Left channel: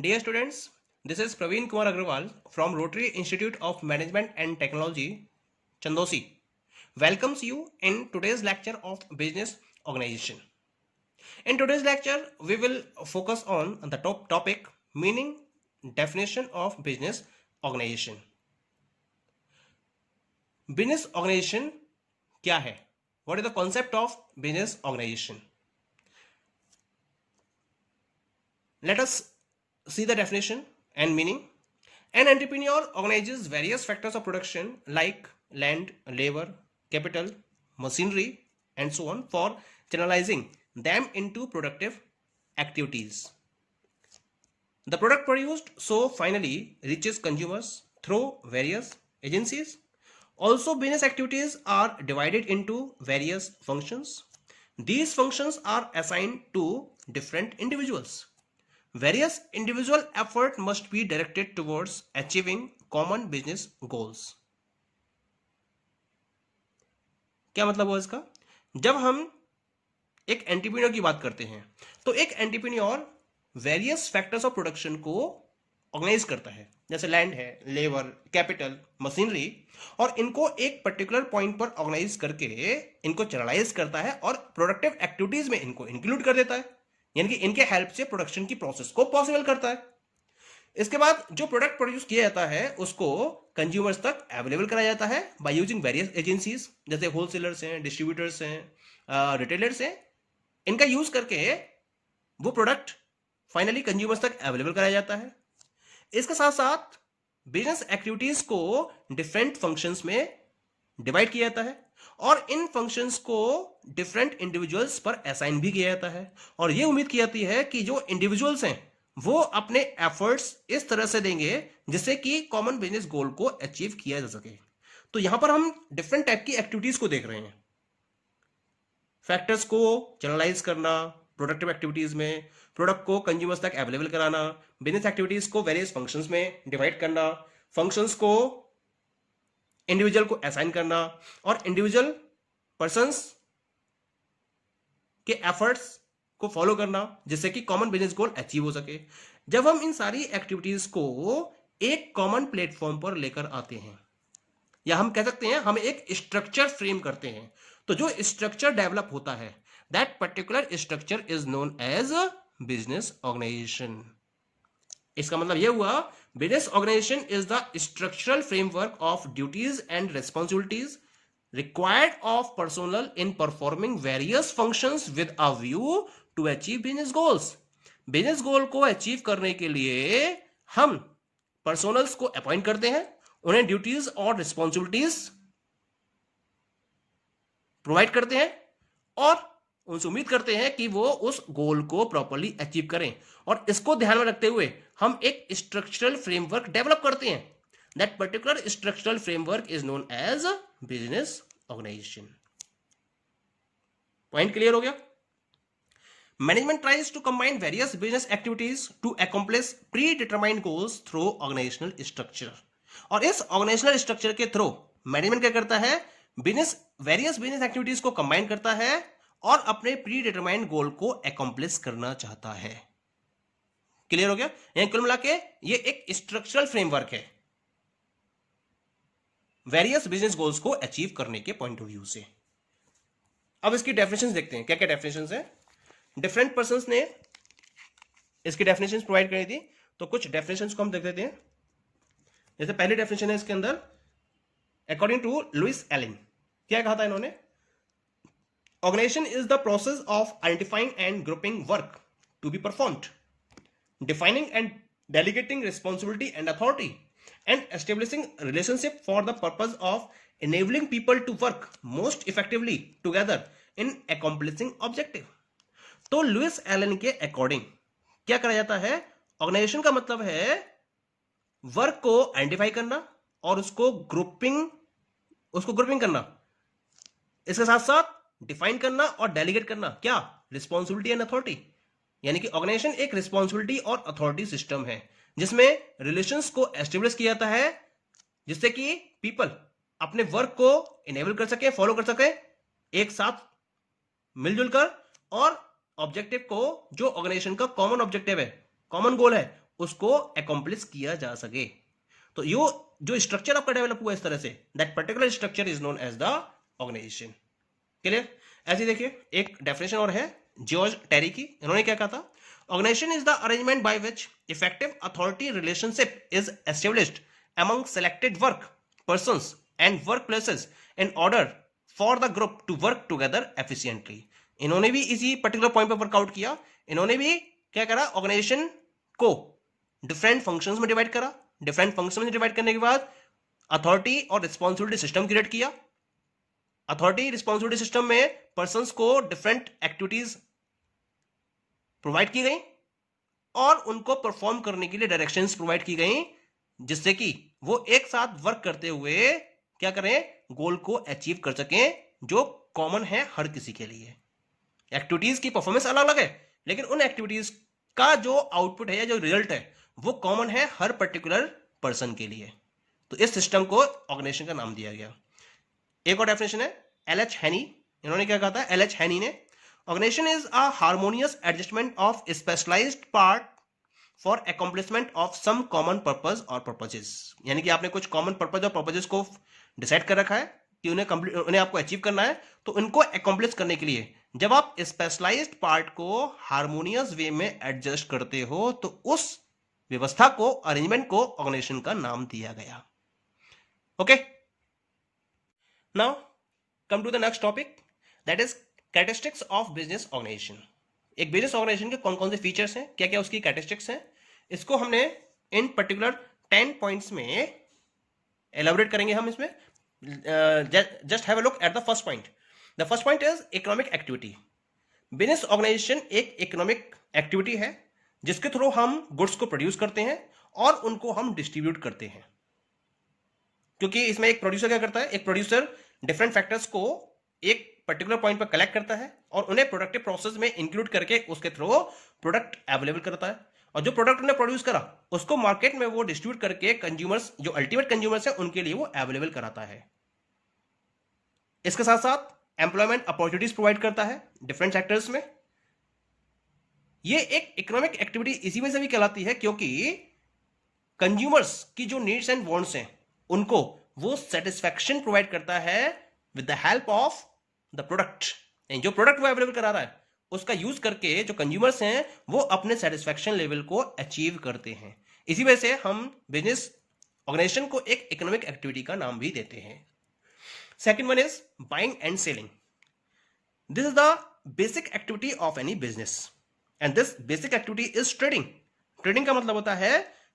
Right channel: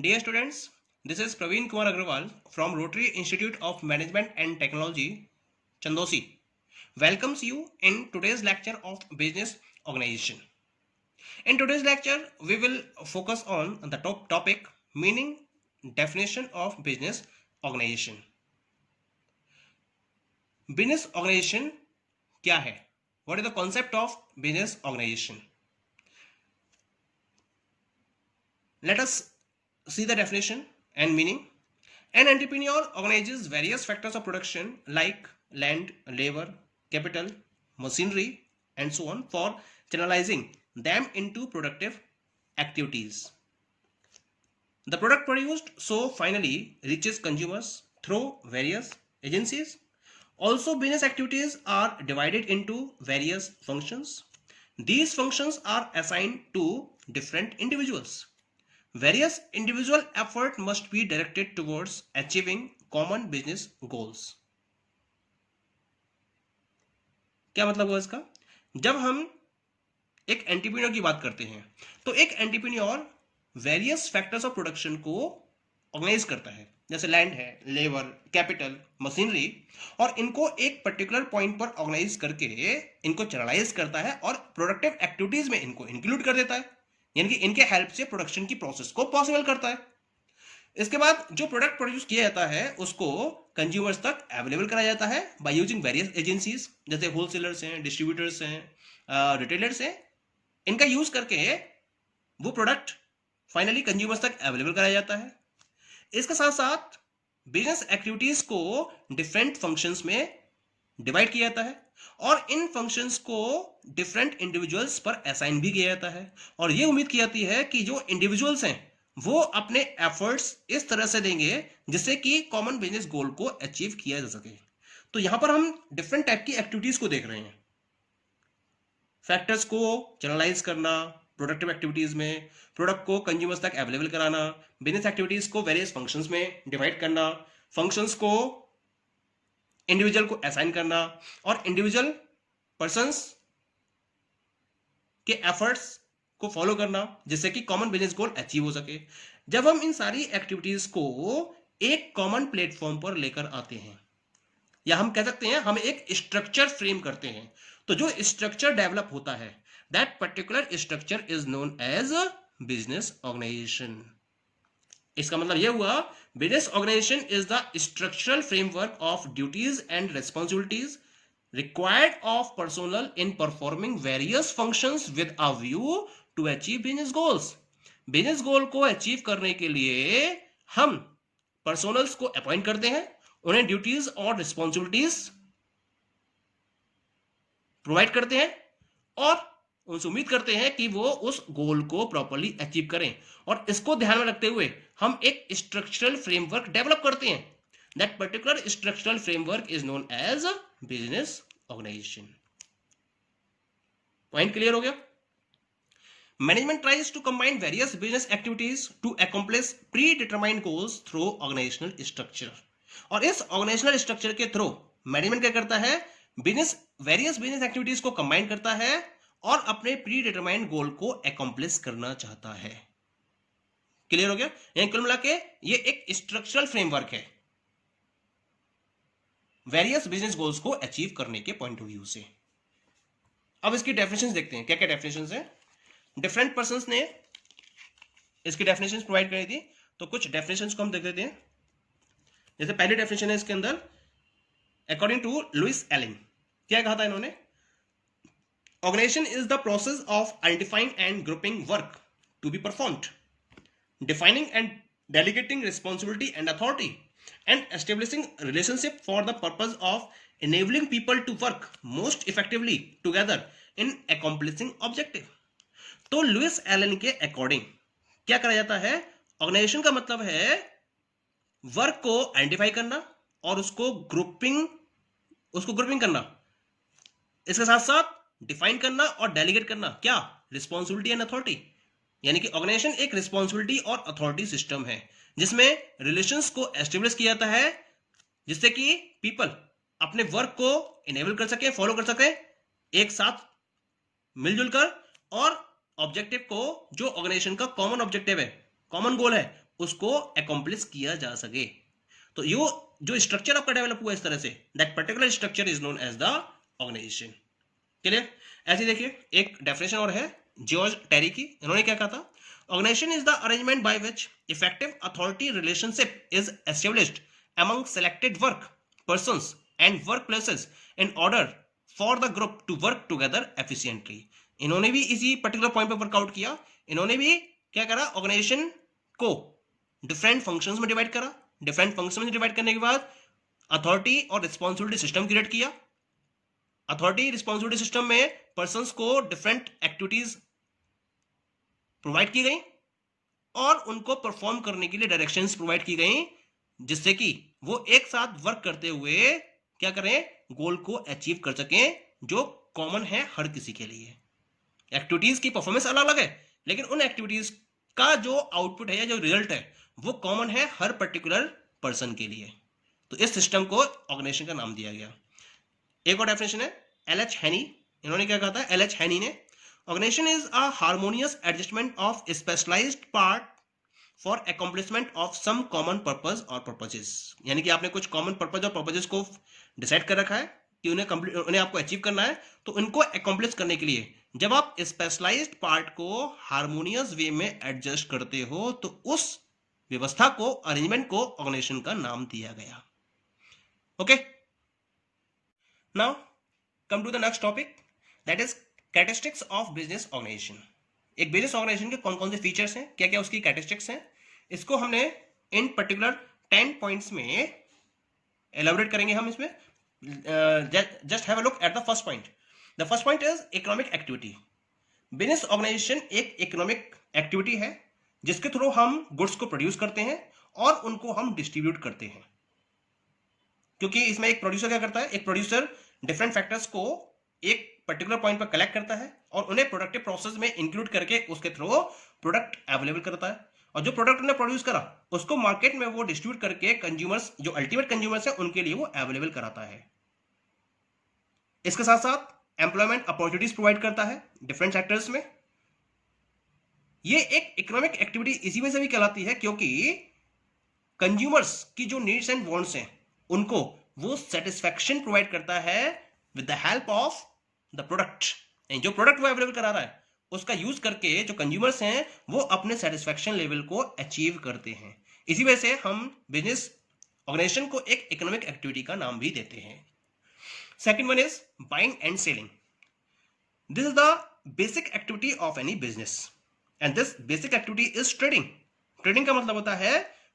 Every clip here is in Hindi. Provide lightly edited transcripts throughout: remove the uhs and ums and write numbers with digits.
Dear students, this is Praveen Kumar Agrawal from Rotary Institute of Management and Technology, Chandosi. Welcomes you in today's lecture of business organization. In today's lecture, we will focus on the topic meaning, definition of business organization. Business organization क्या है? What is the concept of business organization? Let us see the definition and meaning. An entrepreneur organizes various factors of production like land, labor, capital, machinery, and so on for channelizing them into productive activities. The product produced so finally reaches consumers through various agencies. Also, business activities are divided into various functions. These functions are assigned to different individuals. Various individual effort must be directed towards achieving common business goals. क्या मतलब हुआ इसका? जब हम एक एंटरप्रेन्योर की बात करते हैं तो एक entrepreneur various factors of production को ऑर्गेनाइज करता है, जैसे लैंड है, लेबर, कैपिटल, मशीनरी, और इनको एक पर्टिकुलर पॉइंट पर ऑर्गेनाइज करके इनको चैनलाइज करता है और प्रोडक्टिव एक्टिविटीज में इनको इंक्लूड कर देता है, यानी कि इनके हेल्प से प्रोडक्शन की प्रोसेस को पॉसिबल करता है। इसके बाद जो प्रोडक्ट प्रोड्यूस किया जाता है उसको कंज्यूमर्स तक अवेलेबल कराया जाता है बाय यूजिंग वेरियस एजेंसीज, जैसे होलसेलर्स हैं, डिस्ट्रीब्यूटर्स हैं, रिटेलर्स हैं। इनका यूज करके वो प्रोडक्ट फाइनली कंज्यूमर्स तक अवेलेबल कराया जाता है। इसके साथ साथ बिजनेस एक्टिविटीज को डिफरेंट फंक्शंस में डिवाइड किया जाता है और इन फंक्शंस को डिफरेंट इंडिविजुअल्स पर असाइन भी किया जाता है और ये उम्मीद की जाती है कि जो इंडिविजुअल्स हैं वो अपने एफर्ट्स इस तरह से देंगे जिससे कि कॉमन बिजनेस गोल को अचीव किया जा सके। तो यहां पर हम डिफरेंट टाइप की एक्टिविटीज को देख रहे हैं। फैक्टर्स को चैनलाइज करना, प्रोडक्टिव एक्टिविटीज में प्रोडक्ट को कंज्यूमर्स तक अवेलेबल कराना, बिजनेस एक्टिविटीज को वेरियस फंक्शंस में डिवाइड करना, फंक्शंस को इंडिविजुअल को असाइन करना और इंडिविजुअल पर्संस के एफर्ट्स को फॉलो करना जिससे कि कॉमन बिजनेस गोल अचीव हो सके। जब हम इन सारी एक्टिविटीज को एक कॉमन प्लेटफॉर्म पर लेकर आते हैं, या हम कह सकते हैं हम एक स्ट्रक्चर फ्रेम करते हैं, तो जो स्ट्रक्चर डेवलप होता है that particular structure is known as business organisation. इसका मतलब यह हुआ business organisation is the structural framework of duties and responsibilities required of personnel in performing various functions with a view to achieve business goals. Business गोल को अचीव करने के लिए हम पर्सोनल्स को अपॉइंट करते हैं, उन्हें ड्यूटीज और रिस्पॉन्सिबिलिटीज प्रोवाइड करते हैं और उनसे उम्मीद करते हैं कि वो उस गोल को प्रॉपर्ली अचीव करें। और इसको ध्यान में रखते हुए हम एक स्ट्रक्चरल फ्रेमवर्क डेवलप करते हैं। That particular structural framework is known as business organization. Point clear हो गया? Management tries to combine various business activities to accomplish predetermined goals through organizational structure. और इस organizational structure के through मैनेजमेंट क्या करता है? various business activities को combine करता है और अपने predetermined goal को accomplish करना चाहता है। क्लियर हो गया? यानी कुल मिला के ये एक structural framework है वेरियस बिजनेस गोल्स को अचीव करने के पॉइंट ऑफ व्यू से। अब इसकी डेफिनेशंस देखते हैं, क्या क्या डेफिनेशंस हैं। डिफरेंट पर्संस ने इसकी डेफिनेशंस प्रोवाइड करी थी, तो कुछ डेफिनेशंस को हम देख लेते हैं। जैसे पहली डेफिनेशन है इसके अंदर, अकॉर्डिंग टू लुइस एलिन, क्या कहा था इन्होंने? Organisation is the process of identifying and grouping work to be performed, defining and delegating responsibility and authority and establishing relationship for the purpose of enabling people to work most effectively together in accomplishing objective. तो लुइस एलन के अकॉर्डिंग क्या करा जाता है? ऑर्गेनाइजेशन का मतलब है वर्क को आइडेंटिफाई करना और उसको ग्रुपिंग करना, इसके साथ साथ डिफाइन करना और डेलीगेट करना, क्या? Responsibility and authority. यानी कि ऑर्गेनाइजेशन एक रिस्पॉन्सिबिलिटी और अथॉरिटी सिस्टम है जिसमें रिलेशंस को एस्टेब्लिश किया जाता है जिससे कि पीपल अपने वर्क को इनेबल कर सके, फॉलो कर सके एक साथ मिलजुल कर, और ऑब्जेक्टिव को, जो ऑर्गेनाइजेशन का कॉमन ऑब्जेक्टिव है, कॉमन गोल है, उसको अकॉम्प्लिश किया जा सके। तो यो जो स्ट्रक्चर आपका डेवलप हुआ इस तरह से, that particular structure is known as the organisation. Clear? ऐसे देखिए एक डेफिनेशन और है जॉर्ज टेरी की, इन्होंने क्या कहा था, organisation is the arrangement by which effective authority relationship is established among selected work persons and workplaces in order for the group to work together efficiently। इन्होंने भी इसी पर्टिकुलर पॉइंट पर वर्कआउट किया। इन्होंने भी क्या करा, ऑर्गेनाइजेशन को डिफरेंट फंक्शंस में डिवाइड करा। डिफरेंट फंक्शन में डिवाइड करने के बाद अथॉरिटी और रिस्पॉन्सिबिलिटी सिस्टम क्रिएट किया। अथॉरिटी रिस्पॉन्सिबिलिटी सिस्टम में पर्संस को डिफरेंट एक्टिविटीज प्रोवाइड की गई और उनको परफॉर्म करने के लिए डायरेक्शंस प्रोवाइड की गई, जिससे कि वो एक साथ वर्क करते हुए क्या करें, गोल को अचीव कर सकें जो कॉमन है हर किसी के लिए। एक्टिविटीज की परफॉर्मेंस अलग अलग है, लेकिन उन एक्टिविटीज का जो आउटपुट है या जो रिजल्ट है वो कॉमन है हर पर्टिकुलर पर्सन के लिए। तो इस सिस्टम को ऑर्गेनाइजेशन का नाम दिया गया। एक और डेफिनेशन है एल.एच. हैनी, इन्होंने क्या कहा था, एल.एच. हैनी ने, organisation is a harmonious adjustment of specialised part for accomplishment of some common purpose और पर्पजेस। यानी कि आपने कुछ कॉमन पर्पज और पर्पजेस को डिसाइड कर रखा है कि उन्हें आपको अचीव करना है, तो उनको अकॉम्प्लिश करने के लिए जब आप स्पेशलाइज्ड पार्ट को हार्मोनियस वे में एडजस्ट करते हो तो उस व्यवस्था को, अरेंजमेंट को ऑर्गेनाइजेशन का नाम दिया गया। Okay, now come to the next topic, that is characteristics of business organisation. एक बिजनेस ऑर्गेनाइजेशन के कौन कौन से फीचर्स हैं, क्या क्या उसकी कैरेक्टरिस्टिक्स हैं, इसको हमने इन पर्टिकुलर 10 पॉइंट्स में एलाबोरेट करेंगे हम इसमें। Just have a look at the first point. The first point is economic activity. Business organisation एक इकोनॉमिक एक्टिविटी है जिसके थ्रू हम गुड्स को प्रोड्यूस करते हैं और उनको हम डिस्ट्रीब्यूट करते हैं। क्योंकि इसमें एक प्रोड्यूसर क्या करता है, एक प्रोड्यूसर डिफरेंट फैक्टर्स को एक पर्टिकुलर पॉइंट पर कलेक्ट करता है और उन्हें प्रोडक्टिव प्रोसेस में इंक्लूड करके उसके थ्रू प्रोडक्ट अवेलेबल करता है, और जो प्रोडक्ट उन्हें प्रोड्यूस करा उसको मार्केट में वो डिस्ट्रीब्यूट करके कंज्यूमर्स, जो अल्टीमेट कंज्यूमर्स है, उनके लिए वो अवेलेबल कराता है। इसके साथ साथ एम्प्लॉयमेंट अपॉर्चुनिटीज प्रोवाइड करता है डिफरेंट सेक्टर्स में। ये एक इकोनॉमिक एक्टिविटी इसी वजह से भी कहलाती है क्योंकि कंज्यूमर्स की जो नीड्स एंड वांट्स हैं उनको वो सेटिस्फैक्शन प्रोवाइड करता है with the help of the product. जो प्रोडक्ट वो अवेलेबल करा रहा है उसका यूज करके जो कंज्यूमर्स हैं वो अपने सेटिस्फैक्शन लेवल को अचीव करते हैं। इसी वजह से हम बिजनेस ऑर्गेनाइजेशन को एक इकोनॉमिक एक्टिविटी का नाम भी देते हैं। Second one is buying and selling. This is the basic activity of any business and this basic activity is trading. Trading का मतलब होता है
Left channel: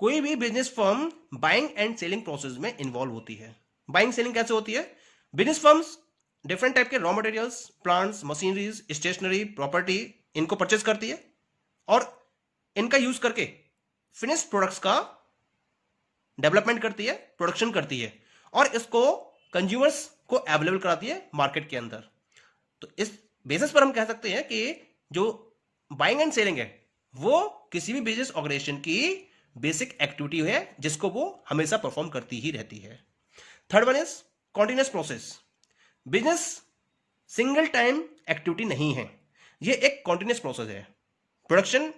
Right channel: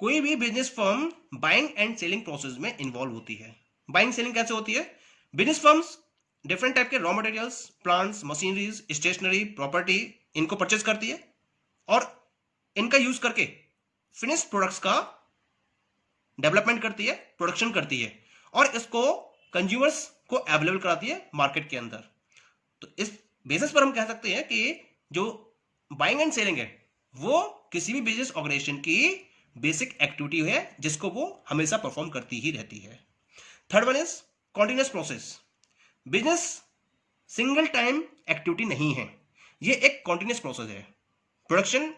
कोई भी business firm buying and selling process में इन्वॉल्व होती है। बाइंग सेलिंग कैसे होती है, बिजनेस फर्म्स डिफरेंट टाइप के raw materials, plants, machineries, stationery, property, इनको परचेज करती है और इनका यूज करके फिनिश प्रोडक्ट्स का डेवलपमेंट करती है, प्रोडक्शन करती है और इसको कंज्यूमर्स को अवेलेबल कराती है मार्केट के अंदर। तो इस बेसिस पर हम कह सकते हैं कि जो बाइंग एंड सेलिंग है वो किसी भी बिजनेस ऑर्गेनाइजेशन की बेसिक एक्टिविटी है जिसको वो हमेशा परफॉर्म करती ही रहती है। Third one is continuous process. Business single time activity नहीं है, ये एक कॉन्टिन्यूस प्रोसेस है। प्रोडक्शन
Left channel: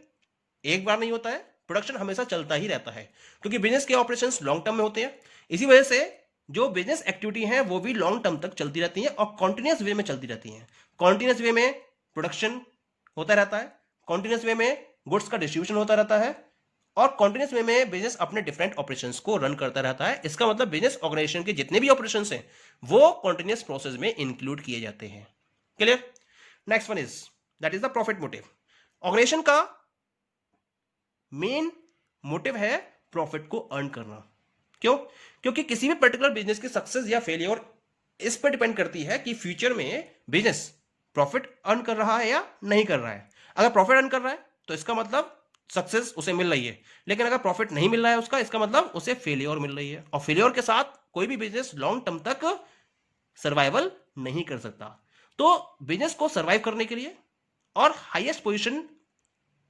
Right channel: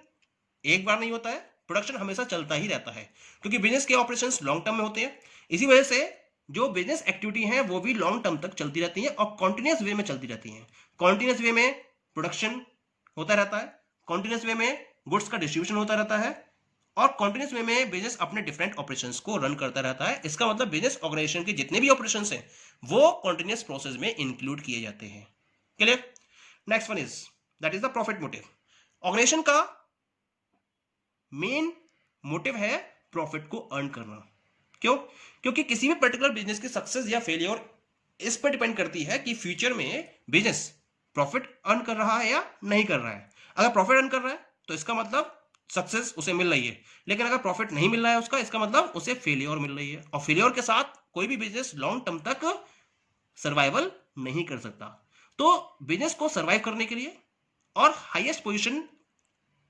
एक बार नहीं होता है, प्रोडक्शन हमेशा चलता ही रहता है क्योंकि बिजनेस के ऑपरेशंस लॉन्ग टर्म में होते हैं। इसी वजह से जो बिजनेस एक्टिविटी है वो भी लॉन्ग टर्म तक चलती रहती है और कॉन्टिन्यूस वे में चलती रहती है। कॉन्टिन्यूस वे में प्रोडक्शन होता रहता है, कॉन्टिन्यूस वे में गुड्स का डिस्ट्रीब्यूशन होता रहता है और कॉन्टिन्यूस वे में बिजनेस अपने डिफरेंट ऑपरेशंस को रन करता रहता है। इसका मतलब बिजनेस ऑर्गेनाइजेशन के जितने भी ऑपरेशंस हैं वो कॉन्टिन्यूस प्रोसेस में इंक्लूड किए जाते हैं। Clear? Next one is that is the profit motive. Organisation का मेन मोटिव है प्रॉफिट को अर्न करना। क्यों? क्योंकि किसी भी पर्टिकुलर बिजनेस की सक्सेस या फेलियर इस पर डिपेंड करती है कि फ्यूचर में बिजनेस प्रॉफिट अर्न कर रहा है या नहीं कर रहा है। अगर प्रॉफिट अर्न कर रहा है तो इसका मतलब सक्सेस उसे मिल रही है, लेकिन अगर प्रॉफिट नहीं मिल रहा है उसका, इसका मतलब उसे फेलियर मिल रही है और फेलियर के साथ कोई भी बिजनेस लॉन्ग टर्म तक सर्वाइवल नहीं कर सकता। तो बिजनेस को सर्वाइव करने के लिए और हाईएस्ट पोजीशन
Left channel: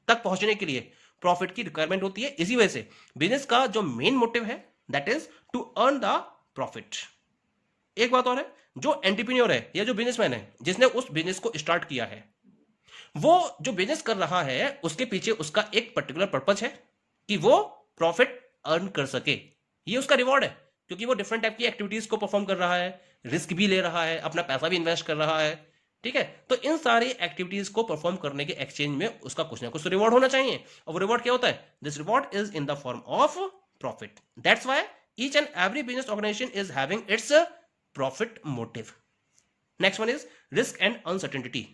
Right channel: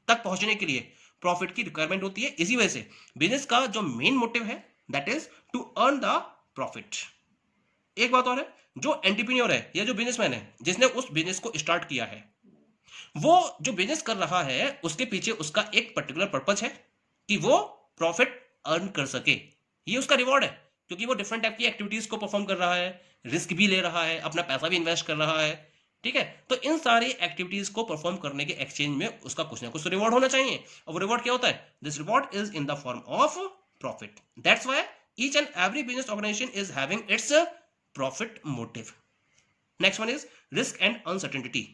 तक पहुंचने के लिए प्रॉफिट की रिक्वायरमेंट होती है। इसी वजह से बिजनेस का जो मेन मोटिव है that is to earn the profit. एक बात और है, जो एंटरप्रेन्योर है या जो बिजनेसमैन है जिसने उस बिजनेस को स्टार्ट किया है, वो जो बिजनेस कर रहा है उसके पीछे उसका एक पर्टिकुलर पर्पज है कि वो प्रॉफिट अर्न कर सके, ये उसका रिवॉर्ड है, क्योंकि वो डिफरेंट टाइप की एक्टिविटीज को परफॉर्म कर रहा है, रिस्क भी ले रहा है, अपना पैसा भी इन्वेस्ट कर रहा है, ठीक है। तो इन सारी एक्टिविटीज को परफॉर्म करने के एक्सचेंज में उसका कुछ ना कुछ तो रिवॉर्ड होना चाहिए, और वो रिवॉर्ड क्या होता है? This reward is in the form of profit. That's why each and every business organisation is having its profit motive. Next one is risk and uncertainty.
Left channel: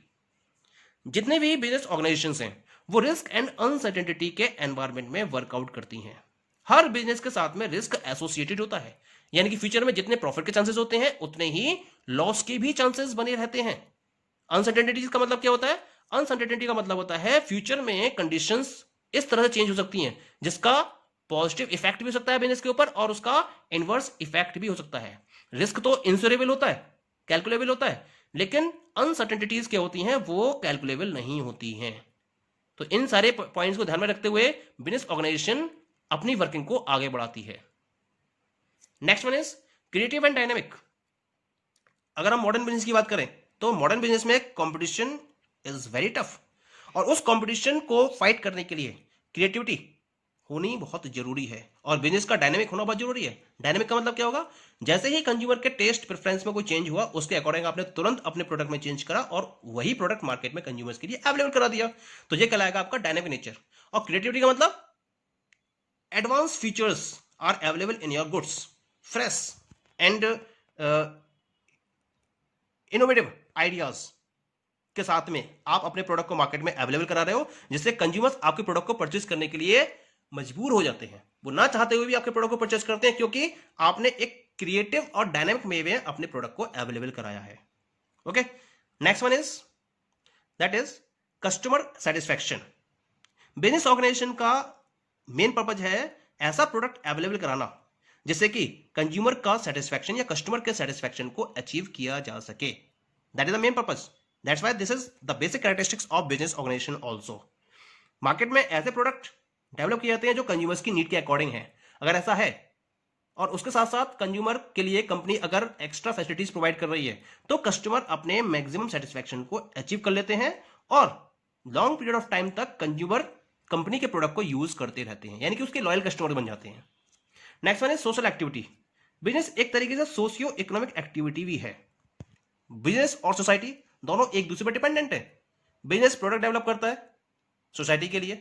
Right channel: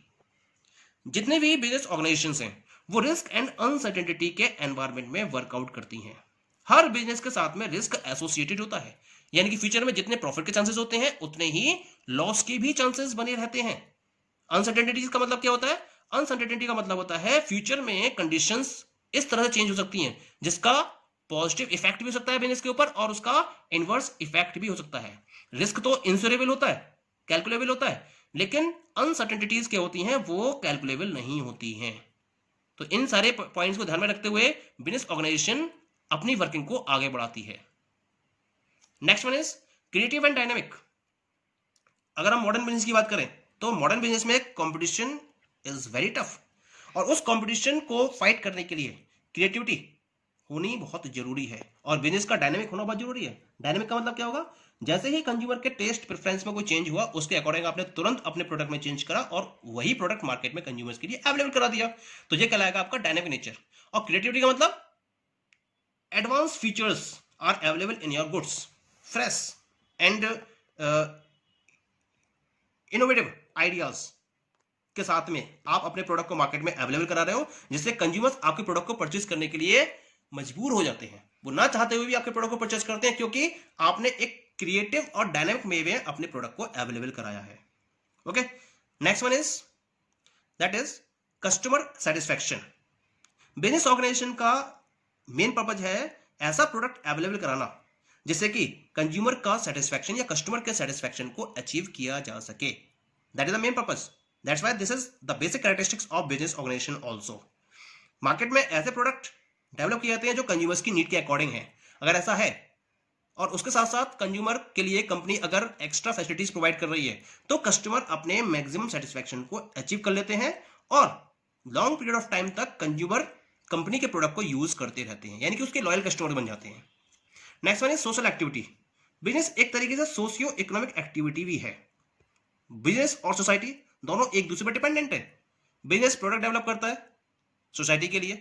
जितने भी बिजनेस ऑर्गेनाइजेशंस हैं वो रिस्क एंड अनसर्टेनिटी के एनवायरमेंट में वर्कआउट करती हैं। हर बिजनेस के साथ में रिस्क एसोसिएटेड होता है, यानी कि फ्यूचर में जितने प्रॉफिट के चांसेस होते हैं उतने ही लॉस के भी चांसेस बने रहते हैं। अनसर्टेनिटी का मतलब क्या होता है? अनसर्टेनिटी का मतलब होता है फ्यूचर में कंडीशंस इस तरह से चेंज हो सकती हैं जिसका पॉजिटिव इफेक्ट भी हो सकता है बिजनेस के ऊपर और उसका इनवर्स इफेक्ट भी हो सकता है। रिस्क तो इंश्योरेबल होता है, कैलकुलेबल होता है, लेकिन अनसर्टेनिटीज क्या होती हैं? वो कैलकुलेबल नहीं होती हैं। तो इन सारे पॉइंट्स को ध्यान में रखते हुए बिजनेस ऑर्गेनाइजेशन अपनी वर्किंग को आगे बढ़ाती है। Next one is creative and dynamic. अगर हम मॉडर्न बिजनेस की बात करें तो मॉडर्न बिजनेस में कंपटीशन इज वेरी टफ, और उस कंपटीशन को फाइट करने के लिए क्रिएटिविटी होनी बहुत जरूरी है, और बिजनेस का डायनेमिक होना बहुत जरूरी है। डायनेमिक का मतलब क्या होगा? जैसे ही कंज्यूमर के टेस्ट प्रेफरेंस में कोई चेंज हुआ उसके अकॉर्डिंग आपने तुरंत अपने प्रोडक्ट में चेंज करा और वही प्रोडक्ट मार्केट में कंज्यूमर्स के लिए अवेलेबल करा दिया, तो ये कहलाएगा आपका डायनेमिक नेचर। और क्रिएटिविटी का मतलब advance features are available in your goods, fresh and innovative ideas के साथ में आप अपने प्रोडक्ट को मार्केट में अवेलेबल करा रहे हो, जिससे कंज्यूमर्स आपके प्रोडक्ट को परचेज करने के लिए मजबूर हो जाते हैं। वो ना चाहते हुए भी आपके प्रोडक्ट को परचेज करते हैं, क्योंकि आपने एक क्रिएटिव और डायनामिक वे में अपने प्रोडक्ट को अवेलेबल कराया है। Okay, next one is that is customer satisfaction. Business organisation का मेन पर्पज है ऐसा प्रोडक्ट अवेलेबल कराना जिससे कि कंज्यूमर का सेटिस्फैक्शन या कस्टमर के सेटिस्फैक्शन को अचीव किया जा सके। That is the main purpose. That's why this is the basic characteristics of business organisation also. Market में ऐसे प्रोडक्ट डेवलप किए जाते हैं जो कंज्यूमर्स की नीड के अकॉर्डिंग है। अगर ऐसा है और उसके साथ साथ कंज्यूमर के लिए कंपनी अगर एक्स्ट्रा फैसिलिटीज प्रोवाइड कर रही है तो कस्टमर अपने मैक्सिमम सेटिस्फैक्शन को अचीव कर लेते हैं और लॉन्ग पीरियड ऑफ टाइम तक कंज्यूमर कंपनी के प्रोडक्ट को यूज करते रहते हैं, यानी कि उसके लॉयल कस्टमर बन जाते हैं। Next one is social activity. Business एक तरीके से सोशियो इकोनॉमिक एक्टिविटी भी है। बिजनेस और सोसाइटी दोनों एक दूसरे पर डिपेंडेंट है। बिजनेस प्रोडक्ट डेवलप करता है सोसाइटी के लिए,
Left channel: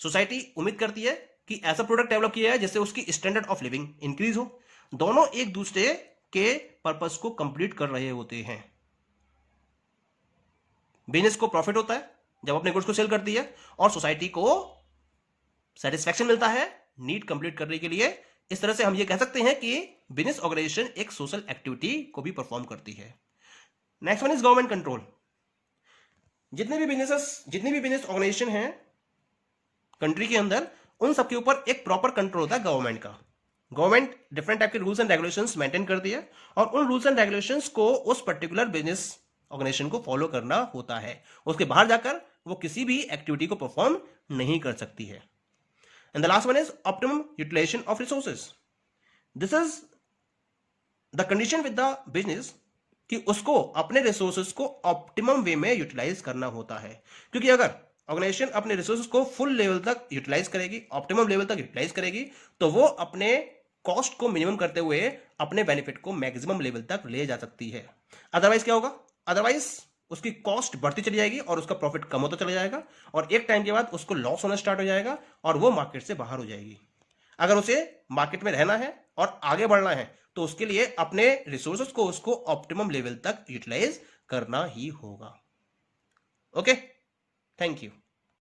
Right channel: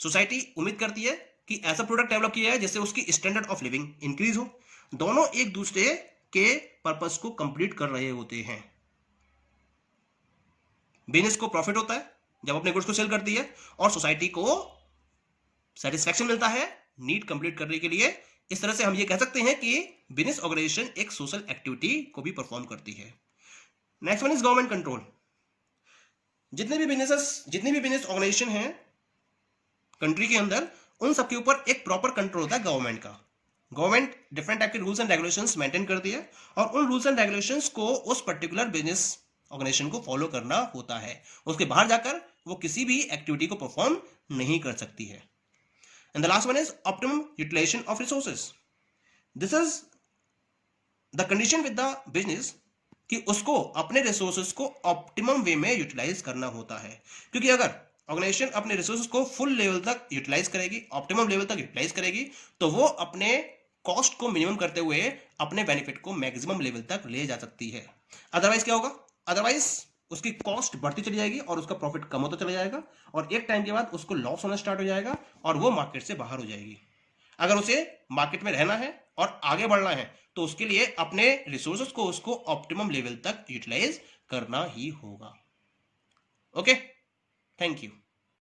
सोसाइटी उम्मीद करती है कि ऐसा प्रोडक्ट डेवलप किया है जिससे उसकी स्टैंडर्ड ऑफ लिविंग इंक्रीज हो। दोनों एक दूसरे के पर्पस को कंप्लीट कर रहे होते हैं। बिजनेस को प्रॉफिट होता है जब अपने गुड्स को सेल करती है, और सोसाइटी को सेटिस्फैक्शन मिलता है नीड कंप्लीट करने के लिए। इस तरह से हम ये कह सकते हैं कि बिजनेस ऑर्गेनाइजेशन एक सोशल एक्टिविटी को भी परफॉर्म करती है। Next one is government control. जितने भी बिजनेस ऑर्गेनाइजेशन हैं कंट्री के अंदर, उन सबके ऊपर एक प्रॉपर कंट्रोल होता है गवर्नमेंट का। गवर्नमेंट डिफरेंट टाइप के रूल्स एंड रेगुलेशंस मेंटेन करती है, और उन रूल्स एंड रेगुलेशंस को उस पर्टिकुलर बिजनेस ऑर्गेनाइजेशन को फॉलो करना होता है। उसके बाहर जाकर वो किसी भी एक्टिविटी को परफॉर्म नहीं कर सकती है। And the last one is optimum utilisation of resources. This is the condition with the business कि उसको अपने रिसोर्सेज को ऑप्टिमम वे में यूटिलाइज करना होता है, क्योंकि अगर ऑर्गेनाइजेशन अपने रिसोर्सेज को फुल लेवल तक यूटिलाइज करेगी, ऑप्टिमम लेवल तक यूटिलाइज करेगी, तो वो अपने कॉस्ट को मिनिमम करते हुए अपने बेनिफिट को मैक्सिमम लेवल तक ले जा सकती है। अदरवाइज क्या होगा? अदरवाइज उसकी कॉस्ट बढ़ती चली जाएगी और उसका प्रॉफिट कम होता चला जाएगा, और एक टाइम के बाद उसको लॉस होना स्टार्ट हो जाएगा और वो मार्केट से बाहर हो जाएगी। अगर उसे मार्केट में रहना है और आगे बढ़ना है तो उसके लिए अपने रिसोर्सेज को उसको ऑप्टिमम लेवल तक यूटिलाइज करना ही होगा। Okay, thank you.